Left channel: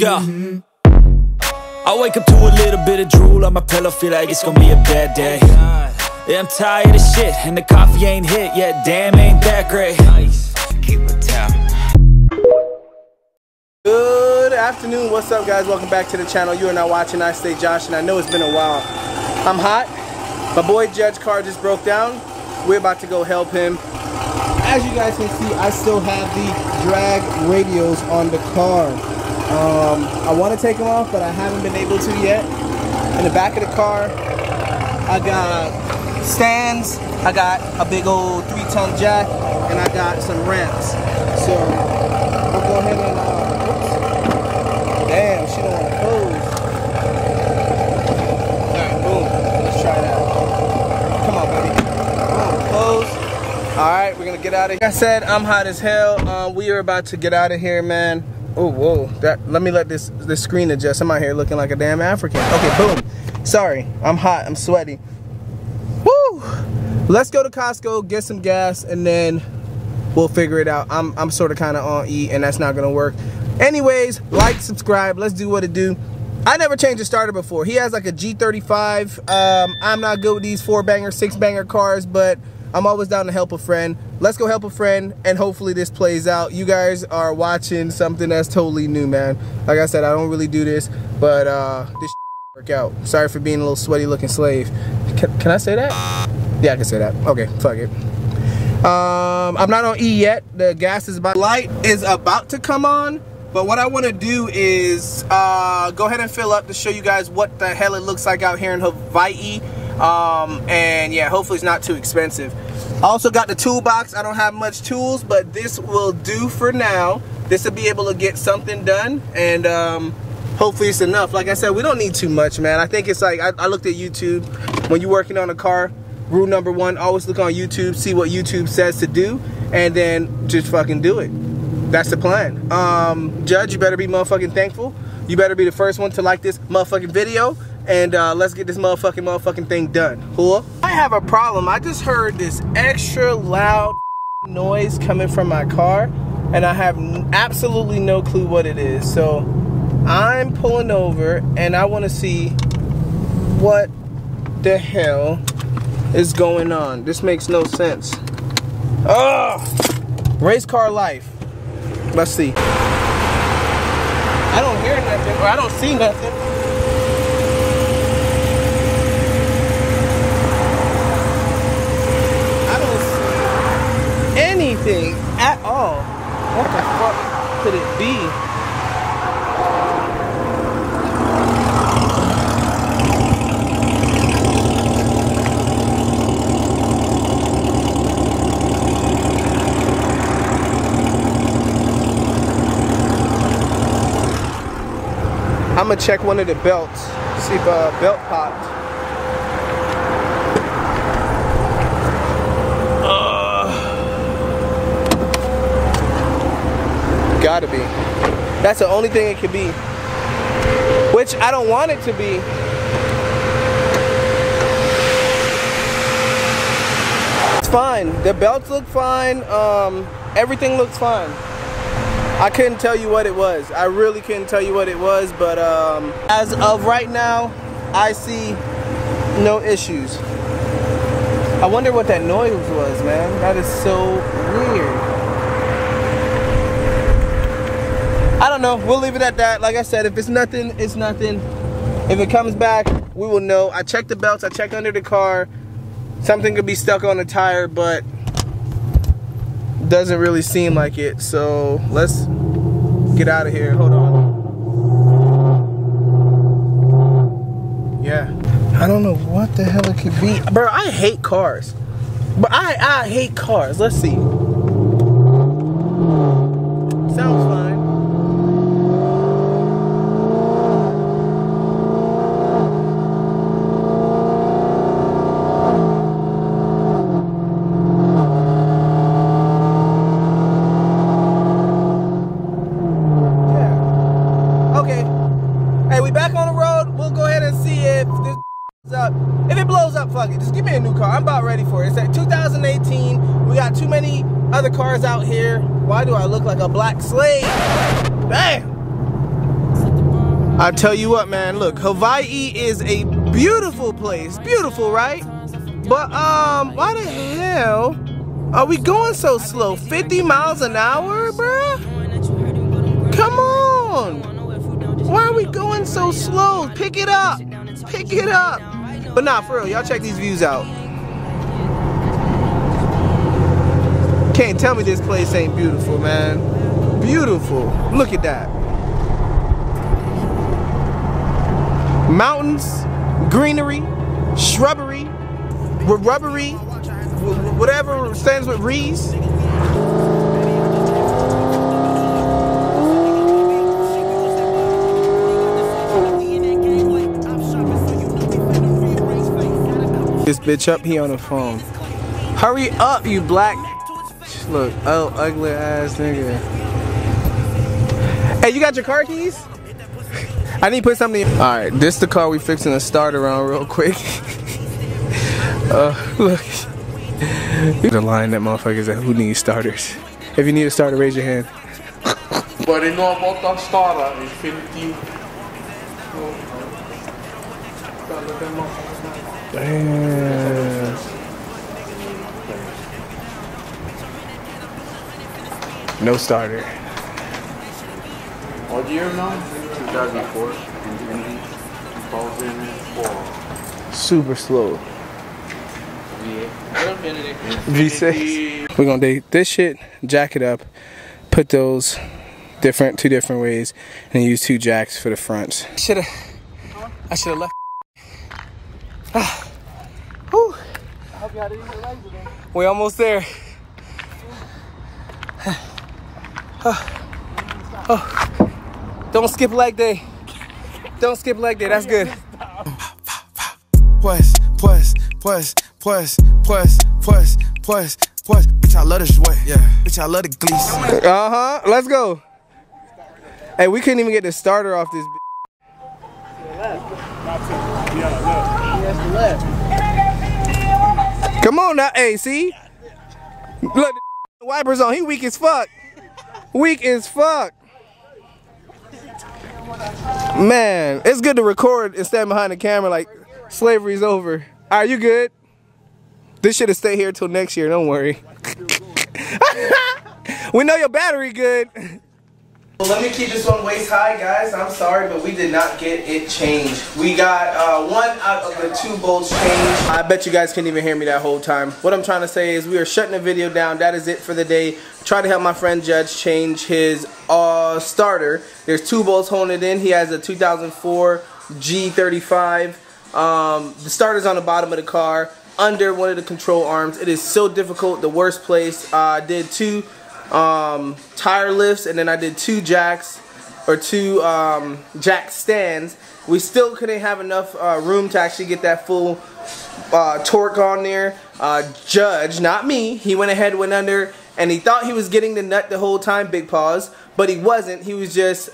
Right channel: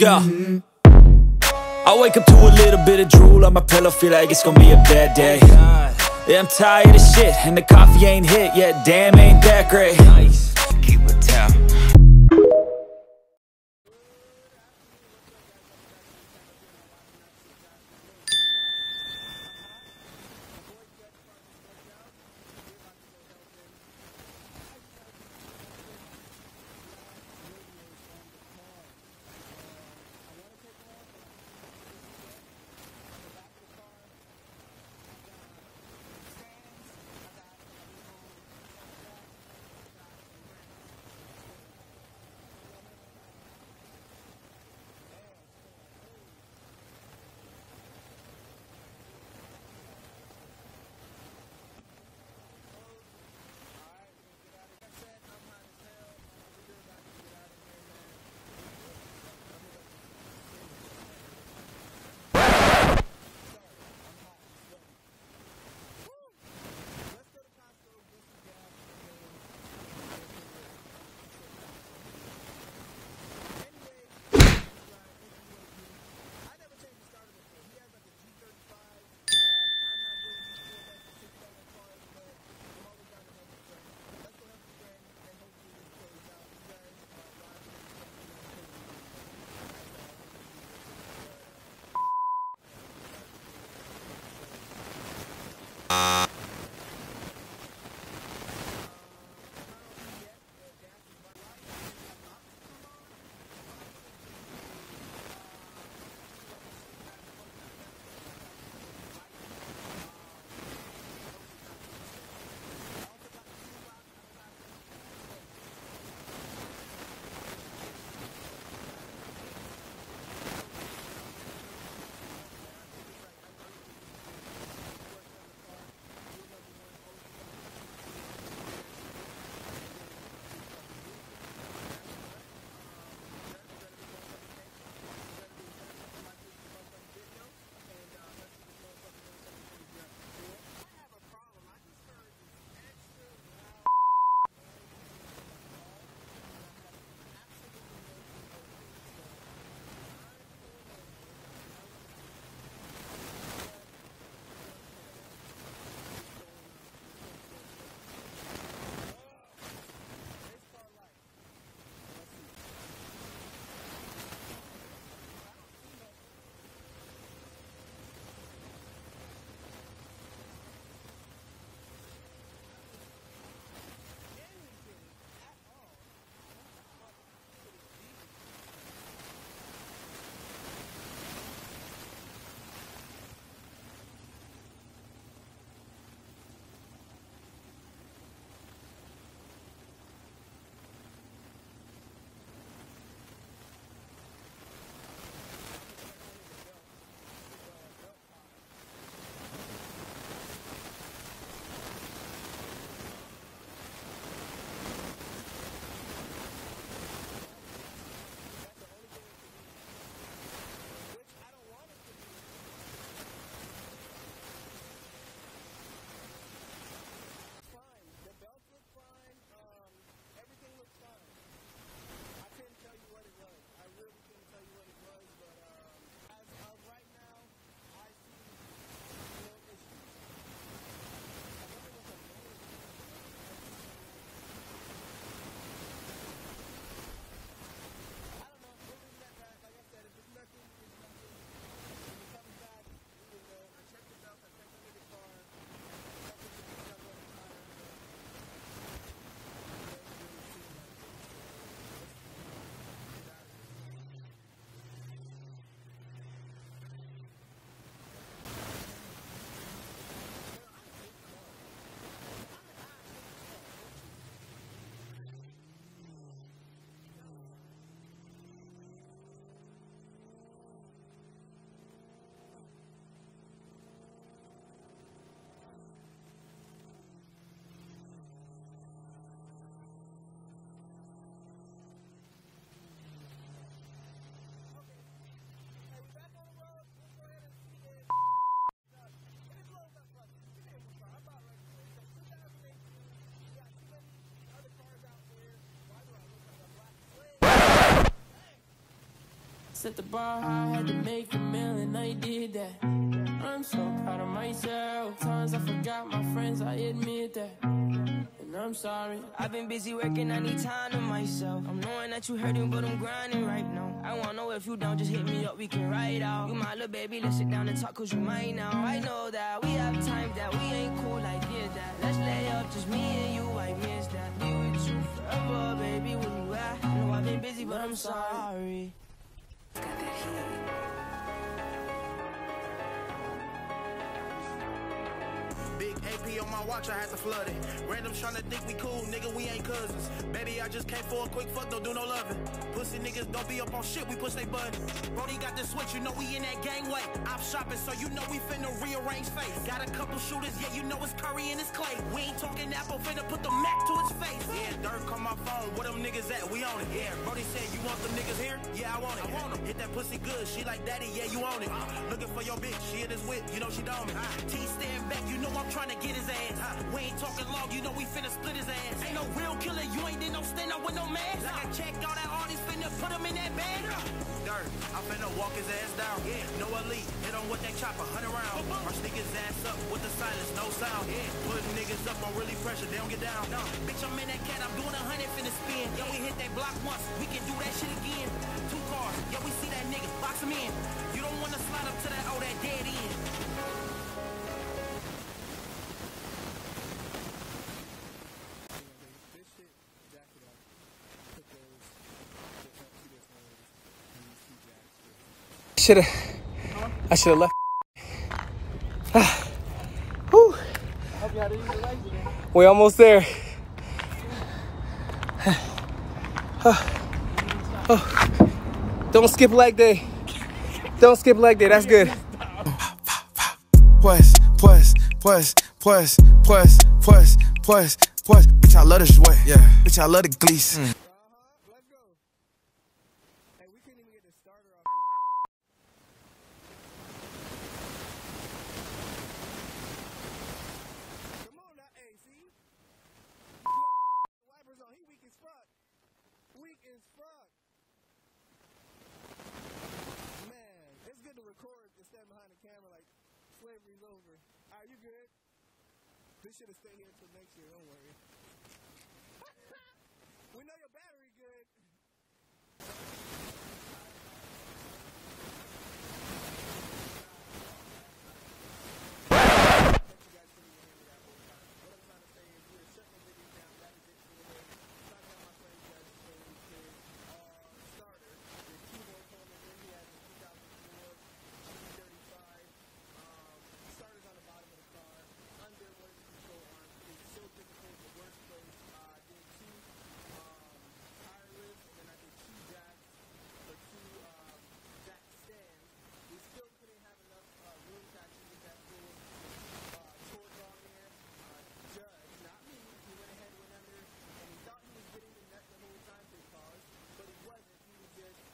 Let's go. I wake up to a little bit of drool on my pillow, feel like it's gonna be a bad day. Yeah, I'm tired of shit, and the coffee ain't hit yet. Damn, ain't that great. Keep it down. Good afternoon, what's up guys? Welcome back to the channel. You are now watching I Stay Josh, and I know it's been a while. I'm hot. My boy Judge's car just broke down. We're about to go help him. As you guys can see, I still have the drag radios on the car. I want to take them off, but I haven't been able to yet. In the back of the car, I got stands, I got a big old 3-ton jack, and I got some ramps. So we'll go ahead and oops. Damn, she don't want to close. Alright, boom. Let's try that. Come on, baby. Come on, close. Alright, we're gonna get out of here. Like I said, I'm hot as hell. We are about to get out of here, man. Oh, whoa. Let me let this screen adjust. I'm out here looking like a damn African. Okay, boom. Sorry, I'm hot, I'm sweaty. Woo! Let's go to Costco, get some gas, and then we'll figure it out. I'm sort of kind of on E, and that's not gonna work. Anyways, like, subscribe, let's do what it do. I never changed a starter before. He has like a G35. I'm not good with these 4-banger, 6-banger cars, but I'm always down to help a friend. Let's go help a friend, and hopefully this plays out. You guys are watching something that's totally new, man. Like I said, I don't really do this, but this work out. Sorry for being a little sweaty looking slave. Can I say that? Yeah, I can say that. Okay, fuck it. I'm not on E yet. The gas is about, light is about to come on, but what I want to do is go ahead and fill up to show you guys what the hell it looks like out here in Hawaii. And yeah, hopefully it's not too expensive. I also got the toolbox. I don't have much tools, but this will do for now. This will be able to get something done, and hopefully it's enough. Like I said, we don't need too much, man. I think it's like, I looked at YouTube. When you're working on a car, rule number 1, always look on YouTube, see what YouTube says to do, and then just fucking do it. That's the plan. Judge, you better be motherfucking thankful. You better be the first one to like this motherfucking video. And let's get this motherfucking thing done. Cool? I have a problem. I just heard this extra loud noise coming from my car, and I have absolutely no clue what it is. So I'm pulling over, and I want to see what the hell is going on. This makes no sense. Oh, race car life. Let's see. I don't hear nothing, or I don't see nothing. Anything at all. What the fuck could it be? I'm gonna check one of the belts, see if a belt popped. Gotta be. That's the only thing it could be. Which I don't want it to be. It's fine. The belts look fine. Everything looks fine. I couldn't tell you what it was. I really couldn't tell you what it was, but as of right now, I see no issues. I wonder what that noise was, man. That is so weird. I don't know. We'll leave it at that. Like I said, if it's nothing, it's nothing. If it comes back, we will know. I checked the belts. I checked under the car. Something could be stuck on the tire, but doesn't really seem like it. So let's get out of here. Hold on. Yeah. I don't know what the hell it could be. Bro, I hate cars. But I hate cars. Let's see. Sounds fine. If it blows up, fuck it. Just give me a new car. I'm about ready for it. It's like 2018. We got too many other cars out here. Why do I look like a black slave? Damn. I tell you what, man, look, Hawaii is a beautiful place. Beautiful, right? But, why the hell are we going so slow? 50 miles an hour, bruh? Come on. Why are we going so slow? Pick it up. Pick it up. But nah, for real, y'all check these views out. Can't tell me this place ain't beautiful, man. Beautiful. Look at that. Mountains, greenery, shrubbery, rubbery, whatever stands with reeds. This bitch up, he on the phone. Hurry up, you black. Look, oh, ugly ass nigga. Hey, you got your car keys? I need to put something in. Alright, this the car we fixing to start around real quick. Look. The line that motherfuckers that who needs starters. If you need a starter, raise your hand. No starter. What year now? 2004. Super slow. V6. We're gonna take this shit, jack it up, put those two different ways, and use 2 jacks for the fronts. I should have left. Whew. We're almost there. Don't skip leg day. Don't skip leg day. That's good. Plus. Bitch, I love the sweat. Yeah. Bitch, I love the Gleason. Let's go. Hey, we couldn't even get the starter off this. Come on now, hey, see? Look, the wipers on. He weak as fuck. Weak as fuck. Man, it's good to record and stand behind the camera like slavery's over. Are you good? This should have stayed here till next year, don't worry. We know your battery good. Well, let me keep this one waist high, guys. I'm sorry, but we did not get it changed. We got 1 out of the 2 bolts changed. I bet you guys couldn't even hear me that whole time. What I'm trying to say is we are shutting the video down. That is it for the day. Try to help my friend Judge change his starter. There's 2 bolts holding it in. He has a 2004 G35. The starter's on the bottom of the car, under one of the control arms. It is so difficult, the worst place. I did 2 tire lifts, and then I did 2 jacks, or 2 jack stands. We still couldn't have enough room to actually get that full torque on there. Judge, not me, he went ahead, went under, and he thought he was getting the nut the whole time, big pause, but he wasn't. He was just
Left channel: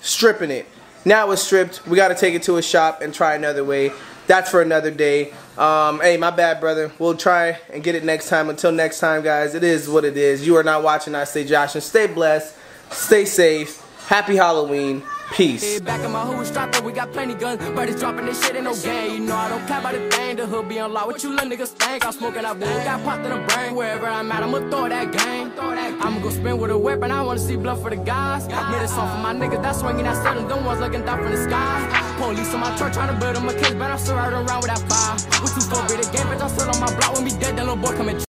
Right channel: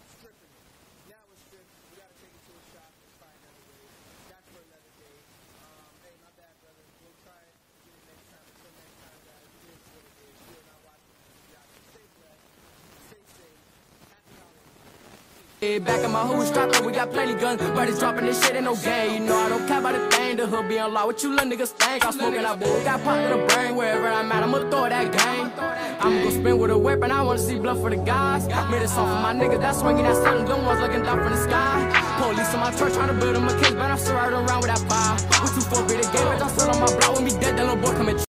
stripping it. Now it's stripped. We got to take it to a shop and try another way. That's for another day. Hey, my bad, brother. We'll try and get it next time. Until next time, guys, it is what it is. You are not watching I Stay Josh, and stay blessed, stay safe, happy Halloween, peace. Hey, back in my hood strapped up, we got plenty guns, but it's dropping this shit in no game. You know I don't care about a thing, the hood be on lock. What you little niggas think? I'm smoking that wood, got popped to the brain. Wherever I'm at, I'ma throw that game. I'ma go spin with a weapon, I wanna see blood for the guys. Made a song for my niggas that's swinging, that selling, them ones looking down from the sky. Police on my truck trying to build them a case, but I'm still riding around with that fire. We 2-4 be the game, bitch, I'm still on my block. When we dead, that little boy coming.